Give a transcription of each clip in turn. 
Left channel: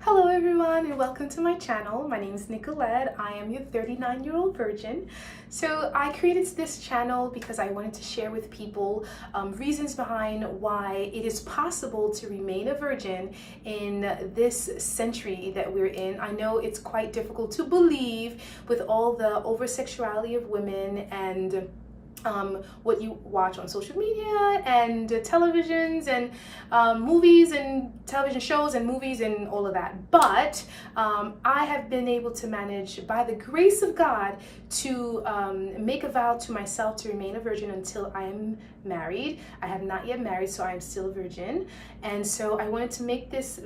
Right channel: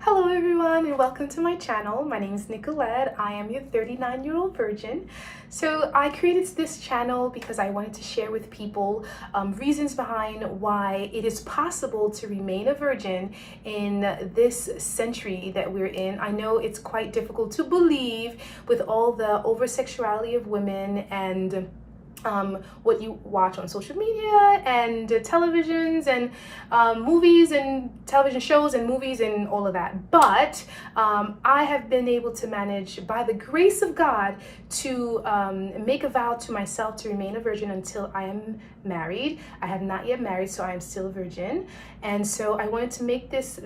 Hello everyone and welcome to my channel. My name is Nicolette. I am your 39-year-old virgin. So I created this channel because I wanted to share with people reasons behind why it is possible to remain a virgin in this century that we're in. I know it's quite difficult to believe with all the over-sexuality of women and what you watch on social media and televisions and movies and television shows and movies and all of that. But I have been able to manage, by the grace of God, to make a vow to myself to remain a virgin until I am married. I have not yet married, so I am still a virgin. And so I wanted to make this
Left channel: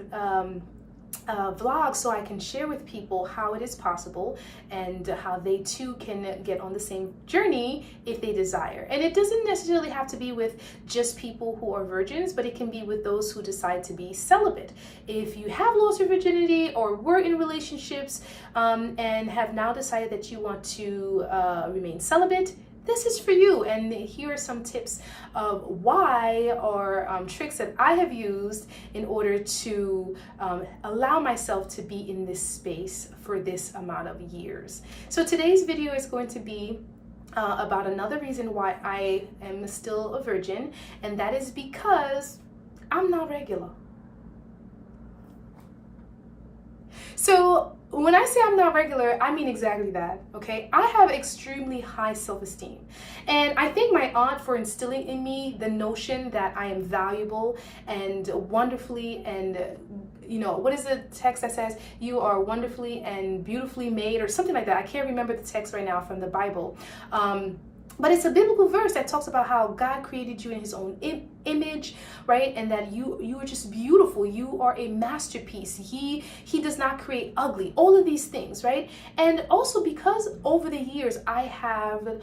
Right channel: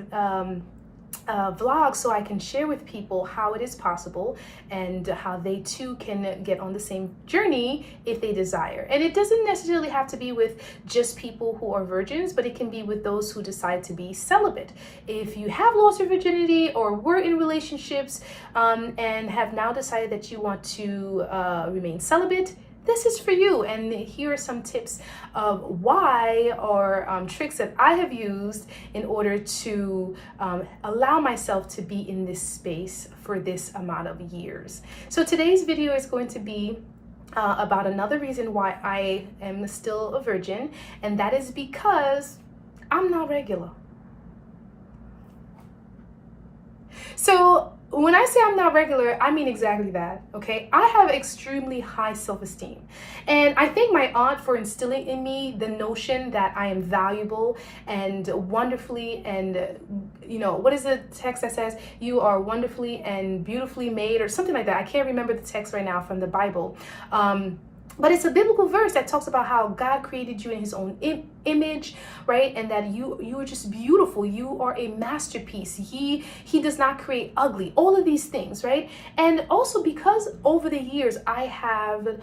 vlog so I can share with people how it is possible and how they too can get on the same journey if they desire. And it doesn't necessarily have to be with just people who are virgins, but it can be with those who decide to be celibate. If you have lost your virginity or were in relationships and have now decided that you want to remain celibate, this is for you. And here are some tips of why or tricks that I have used in order to allow myself to be in this space for this amount of years. So today's video is going to be about another reason why I am still a virgin, and that is because I'm not regular. So when I say I'm not regular, I mean exactly that, okay? I have extremely high self-esteem. And I thank my aunt for instilling in me the notion that I am valuable and wonderfully and, what is the text that says, you are wonderfully and beautifully made, or something like that. I can't remember the text right now from the Bible. But it's a biblical verse that talks about how God created you in his own image, right? And that you are just beautiful. You are a masterpiece. He does not create ugly. All of these things, right? And also because over the years I have,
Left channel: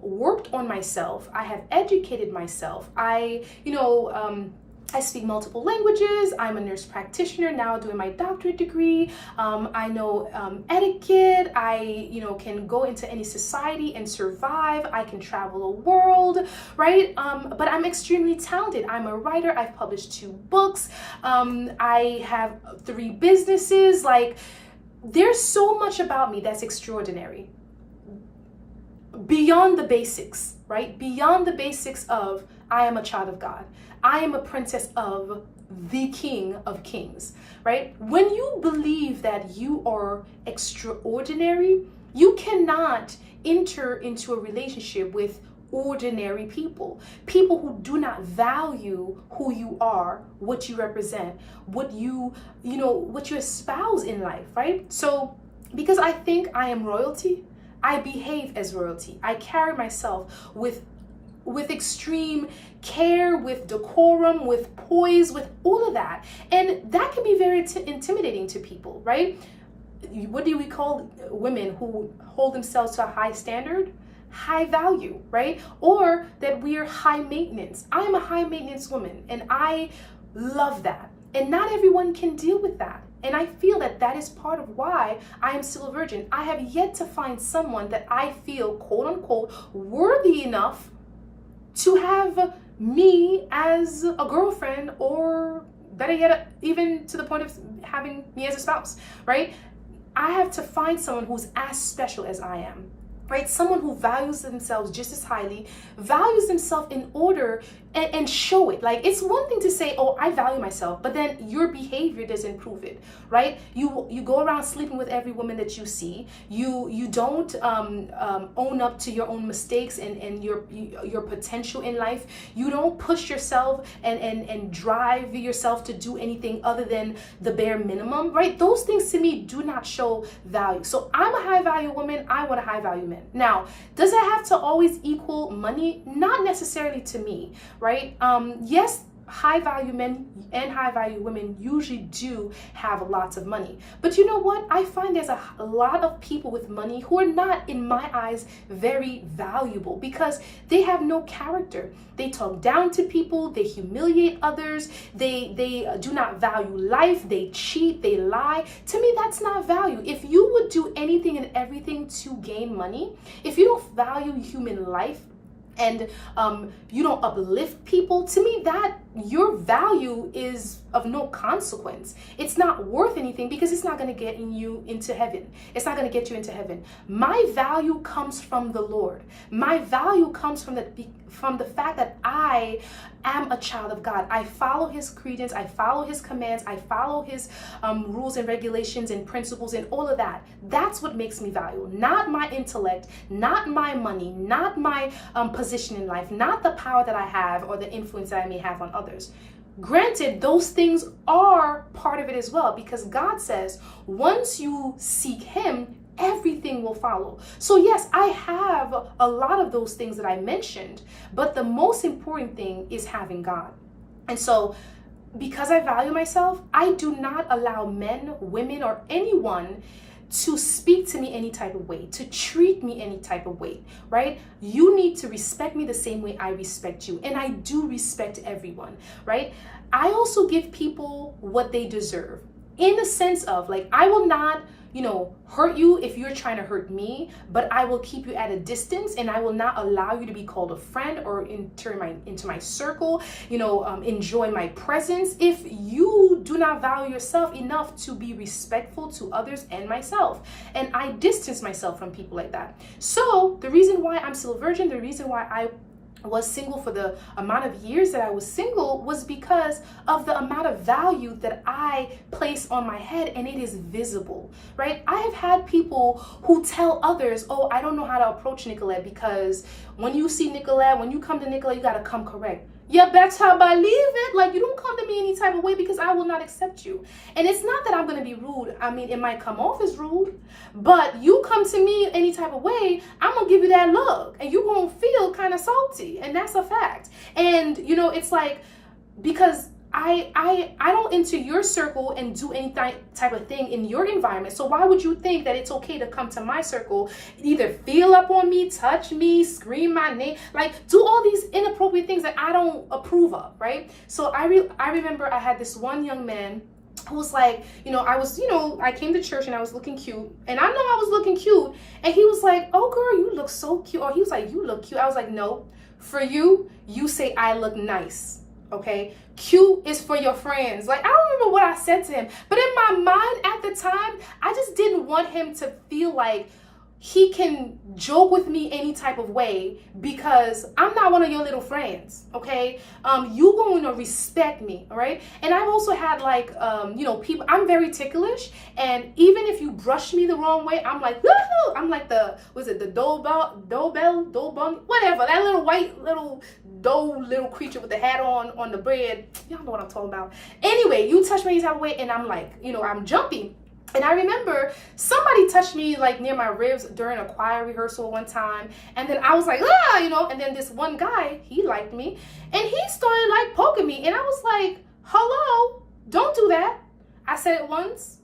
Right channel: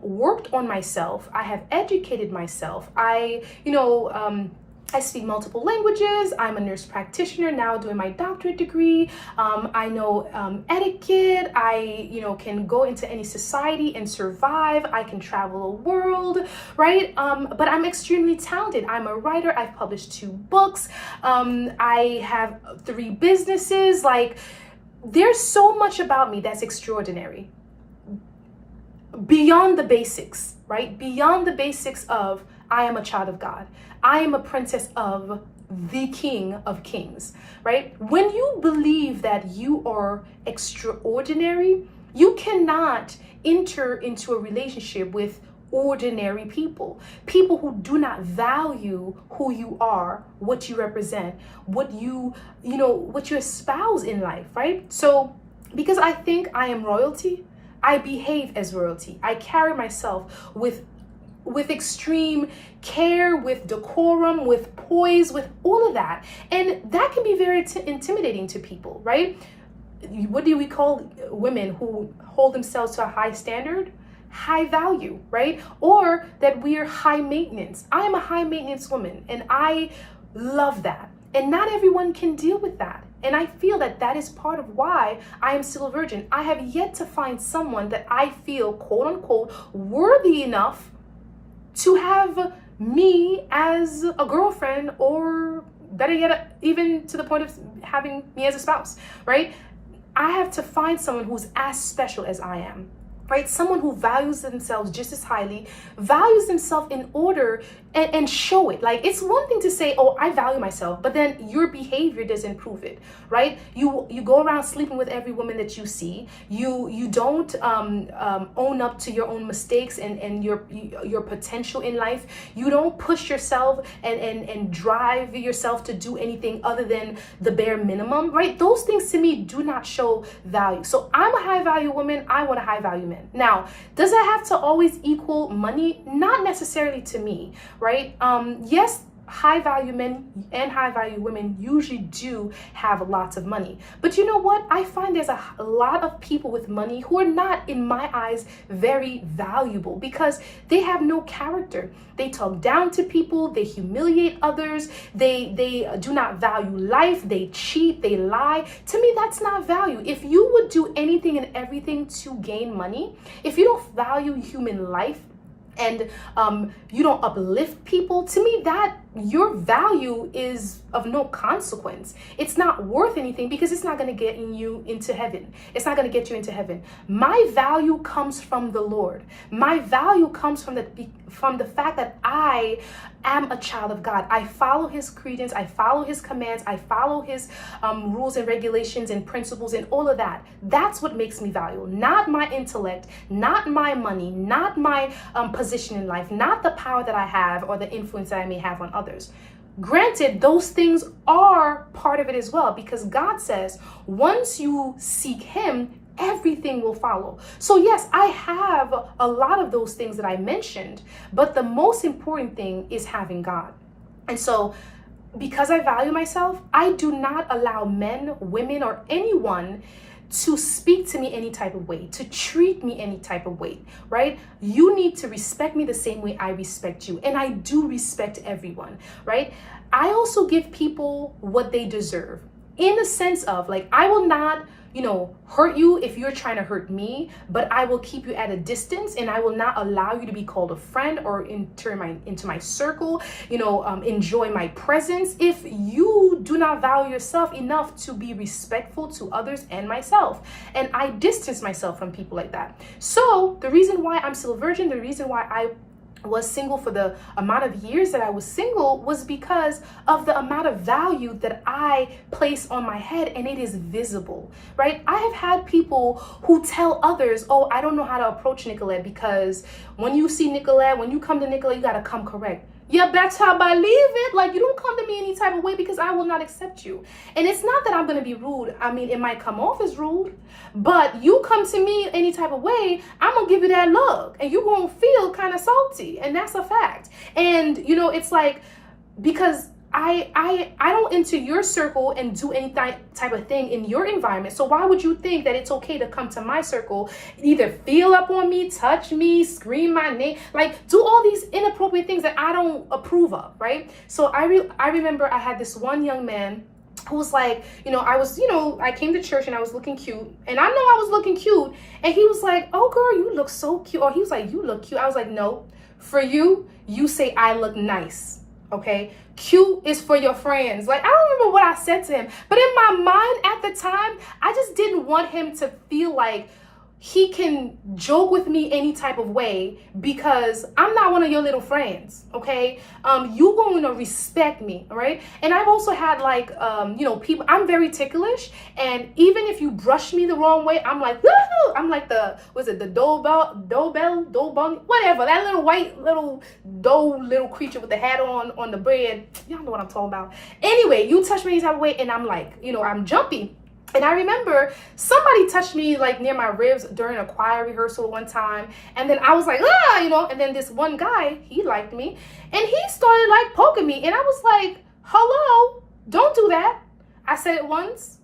worked on myself. I have educated myself. I speak multiple languages. I'm a nurse practitioner now doing my doctorate degree. I know etiquette. I, can go into any society and survive. I can travel the world, right? But I'm extremely talented. I'm a writer. I've published 2 books. I have 3 businesses. Like, there's so much about me that's extraordinary. Beyond the basics, right? Beyond the basics of I am a child of God. I am a princess of the King of Kings, right? When you believe that you are extraordinary, you cannot enter into a relationship with ordinary people who do not value who you are, what you represent, what you espouse in life, right? So because I think I am royalty, I behave as royalty. I carry myself with extreme care, with decorum, with poise, with all of that. And that can be very intimidating to people, right? What do we call women who hold themselves to a high standard? High value, right? Or that we are high maintenance. I am a high maintenance woman, and I love that. And not everyone can deal with that. And I feel that that is part of why I am still a virgin. I have yet to find someone that I feel, quote unquote, worthy enough to have me as a girlfriend, or better yet, even to the point of having me as a spouse, right? I have to find someone who's as special as I am, right? Someone who values themselves just as highly, values themselves in order and show it. Like, it's one thing to say, oh, I value myself, but then your behavior doesn't prove it, right? You go around sleeping with every woman that you see. You don't own up to your own mistakes and your potential in life. You don't push yourself and drive yourself to do anything other than the bare minimum, right? Those things to me do not show value. So I'm a high value woman. I want a high value man. Now, does it have to always equal money? Not necessarily to me, right? Yes, high value men and high value women usually do have lots of money. But you know what? I find there's a lot of people with money who are not, in my eyes, very valuable because they have no character. They talk down to people, they humiliate others, they do not value life, they cheat, they lie. To me, that's not value. If you would do anything and everything to gain money, if you don't value human life, and you don't uplift people, to me that your value is of no consequence. It's not worth anything because it's not going to get you into heaven. It's not going to get you into heaven. My value comes from the Lord. My value comes from the fact that I am a child of God. I follow his credence. I follow his commands. I follow his rules and regulations and principles and all of that. That's what makes me valuable. Not my intellect, not my money, not my position in life, not the power that I have or the influence that I may have on others. Granted, those things are part of it as well, because God says once you seek him, everything will follow. So yes, I have a lot of those things that I mentioned, but the most important thing is having God. And so because I value myself, I do not allow men, women, or anyone to speak to me any type of way, to treat me any type of way, right? You need to respect me the same way I respect you. And I do respect everyone, right? I also give people what they deserve, in the sense of, like, I will not, hurt you if you're trying to hurt me, but I will keep you at a distance, and I will not allow you to be called a friend or into my circle, enjoy my presence if you do not value yourself enough to be respectful to others and myself. And I distance myself from people like that. So the reason why I'm still a virgin, the reason why I was single for the amount of years that I was single, was because of the amount of value that I place on my head, and it is visible, right? I have had people who tell others, oh, I don't know how to approach Nicolette, because when you see Nicolette, when you come to Nicolette, you got to come correct. Yeah, that's how I believe it. Like, you don't come to me any type of way, because I will not accept you. And it's not that I'm going to be rude. I mean, it might come off as rude, but you come to me any type of way, I'm going to give you that look, and you're going to feel kind of salty. And that's a fact. And, it's like, because I don't enter your circle and do any type of thing in your environment. So why would you think that it's okay to come to my circle, either feel up on me, touch me, scream my name, like do all these inappropriate things that I don't approve of, right? So I remember I had this one young man who was like, I came to church and I was looking cute, and I know I was looking cute, and he was like, oh girl, you look so cute. Or he was like, you look cute. I was like, no, for you say I look nice. Okay, cute is for your friends. Like, I don't remember what I said to him, but in my mind at the time, I just didn't want him to feel like he can joke with me any type of way, because I'm not one of your little friends, okay? You going to respect me, all right? And I've also had people, I'm very ticklish, and even if you brush me the wrong way, I'm like, woo-hoo! I'm like the Dobell, whatever, that little white little creature with the hat on the bread. Y'all know what I'm talking about. Anyway, you touch me any type of way, and I'm like, I'm jumpy. And I remember somebody touched me like near my ribs during a choir rehearsal one time. And then I was like, and then this one guy, he liked me, and he started like poking me. And I was like, hello, don't do that. I said it once.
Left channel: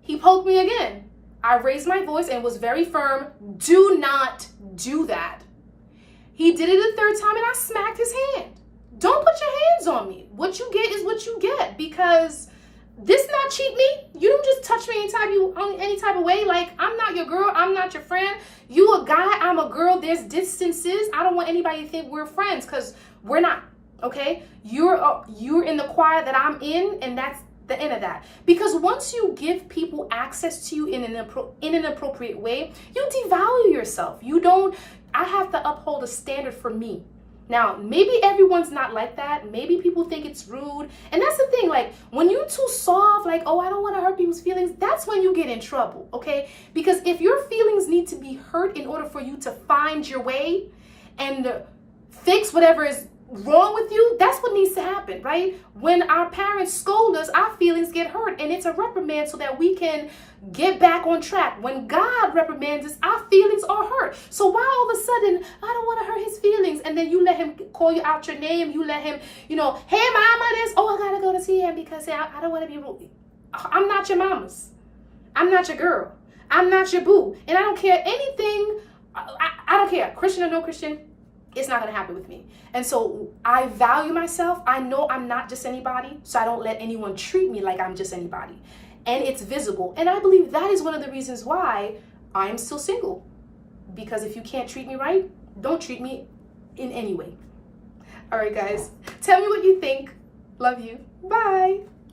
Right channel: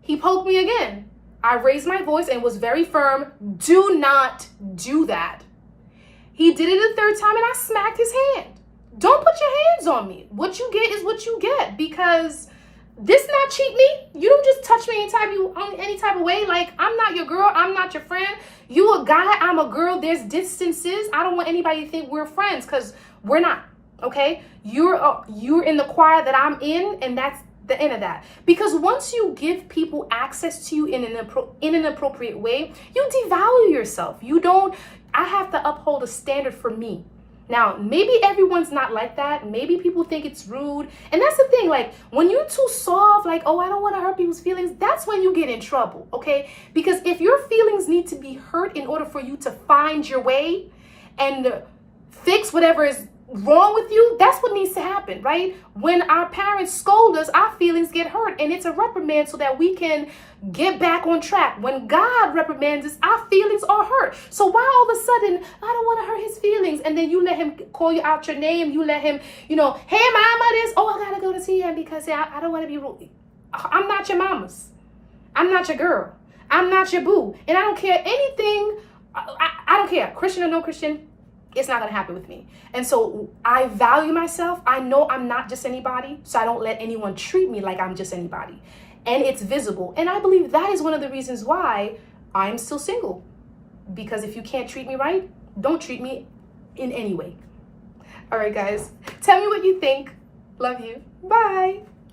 He poked me again. I raised my voice and was very firm. Do not do that. He did it a third time, and I smacked his hand. Don't put your hands on me. What you get is what you get, because this not cheat me. You don't just touch me any type of way. Like, I'm not your girl. I'm not your friend. You a guy. I'm a girl. There's distances. I don't want anybody to think we're friends, because we're not. Okay. You're in the choir that I'm in, and that's the end of that. Because once you give people access to you in an appropriate way, you devalue yourself. I have to uphold a standard for me. Now, maybe everyone's not like that. Maybe people think it's rude. And that's the thing, like, when you're too soft, like, oh, I don't want to hurt people's feelings, that's when you get in trouble, okay? Because if your feelings need to be hurt in order for you to find your way and fix whatever is wrong with you, that's what needs to happen, right? When our parents scold us, our feelings get hurt, and it's a reprimand so that we can get back on track. When God reprimands us, our feelings are hurt. So why all of a sudden, I don't want to hurt his feelings, and then you let him call you out your name, you let him, hey mama this, oh, I gotta go to see him because I don't want to be rude. I'm not your mama's. I'm not your girl. I'm not your boo. And I don't care anything. I don't care, Christian or no Christian. It's not going to happen with me. And so I value myself. I know I'm not just anybody, so I don't let anyone treat me like I'm just anybody. And it's visible. And I believe that is one of the reasons why I'm still single. Because if you can't treat me right, don't treat me in any way. All right, guys. Tell me what you think. Love you. Bye.